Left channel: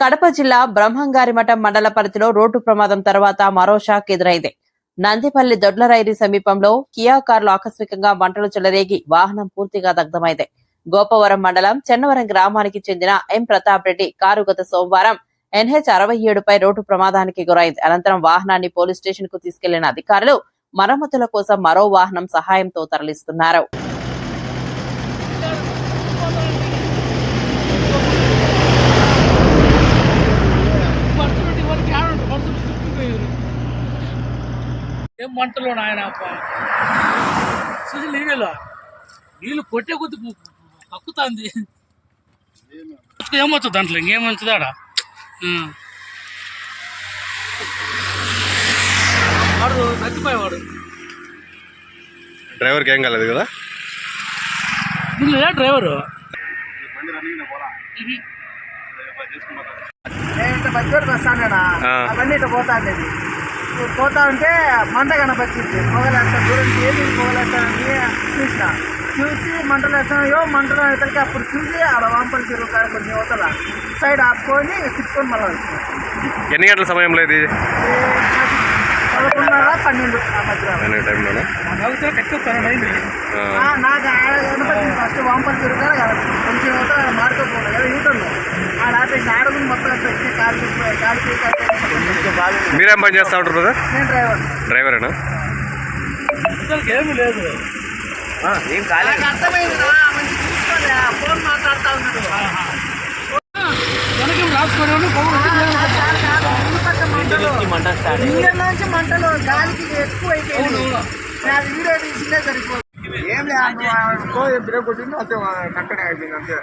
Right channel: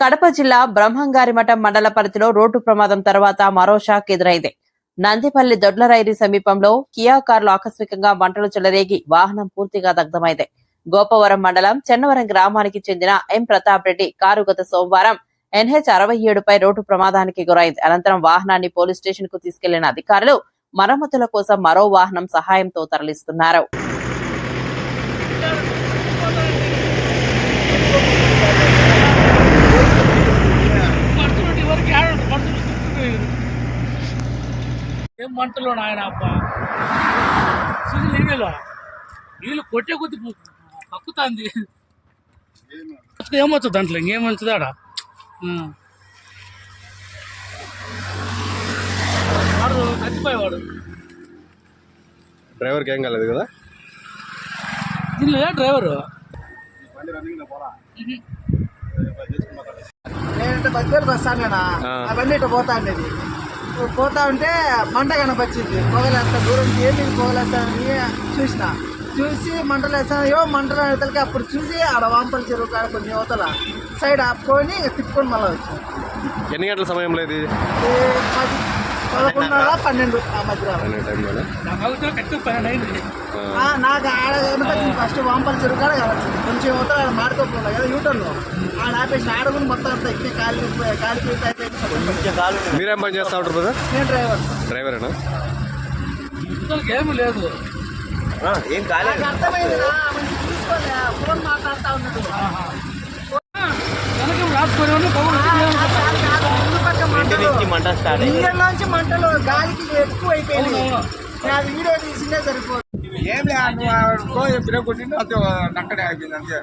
కడప జిల్లా బ్రహ్మంగారిమఠం మండల పరిధిలో రోడ్డు ప్రమాదం తర్వాత మరో షాక్ ఎదురైంది. నందిపల్లి దొడ్లరైరి సమీపంలో కియా కారులో ఆకస్మికంగా మంటలు చెలరేగి వాహనం పూర్తిగా దగ్ధమైంది. గోపవరం మండలం చెన్నవరం గ్రామానికి చెందిన ఎం ప్రతాప్ రెడ్డి కారు గత సోమవారం NH 67పై రోడ్డు ప్రమాదానికి గురైంది. అనంతరం వాహనాన్ని పోలీస్ స్టేషన్ కు తీసుకెళ్లిన అధికారులు మరమ్మతుల కోసం మరో వాహనం సహాయంతో తరలిస్తున్నారు. ఏం మంటలో నాయన నీళ్ళు కొట్టే కొద్ది కక్కుతాంది. ఏమవుతుంది దాంట్లో ఇంకేమవుతుంది ఆడ వాడు చచ్చిపోయేవాడు. డ్రైవర్కి ఏం కాలేదు కదా? దీనిలో డ్రైవరు నేను బద్దెలకు వస్తానేనా అవన్నీ ఇట్లా పోతా ఉండేది. పోతా ఉంటే మంట కనపచ్చింది. పొగలేస్తాను దూరం ఏది పొగలేస్తానని చూసి మంటలు వేస్తాను. మంటలు వేతలకి అప్పుడు చూసి ఆడ వాంపల్లి చెరువు కాడ కొంచెం యువతల సైడ్ ఆపుకొని తిప్పుకొని మళ్ళీ వచ్చింది. ఎన్ని గంటల సమయంలో ఇది? 11:30-12 ఆ మధ్య నాకు ఆడ కనపచ్చింది. ఫస్ట్ వాంపల్లి చెరువు కాడ కనపచ్చింది. కొంచెం యువతల ఆడ మాడుకోపోలే కదా యూటర్న్లో ఆడ ఆపేసి ఆడగుని మొత్తం అంతా ఎక్కే కాలికి మీరేం పని చేస్తా ఉంటారు బ్రదర్? నేను డ్రైవరేనా? ఏమి లేదు, ఏం కాలేదు. అర్థమైంది. ఫోన్ మాట్లాడుతూ ఉన్నాడు. ఇంజన్లోంచి మంటలు గాలికి ఎక్కువ అయిపోయింది. అది వీడియో తీసిందే సరిపోదు. ఏం లేదు బ్రేక్ కొట్టింది అంతే నక్కడే అయిపోయింది అంతే.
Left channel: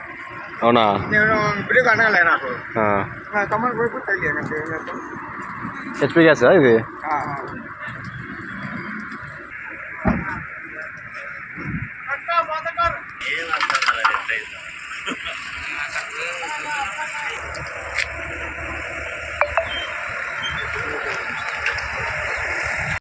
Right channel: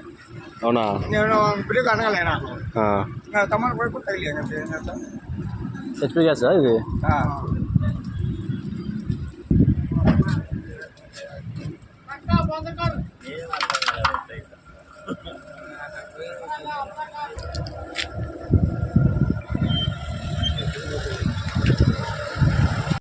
అవునా? నేను బ్రేక్ అనగలే నాకు తమ్ముడు బ్రేక్ తగిలేదు అంతే. ఏం చేస్తాం? హెచ్పీ గ్యాస్ ఇది? ఏం అర్థం కాలేదు.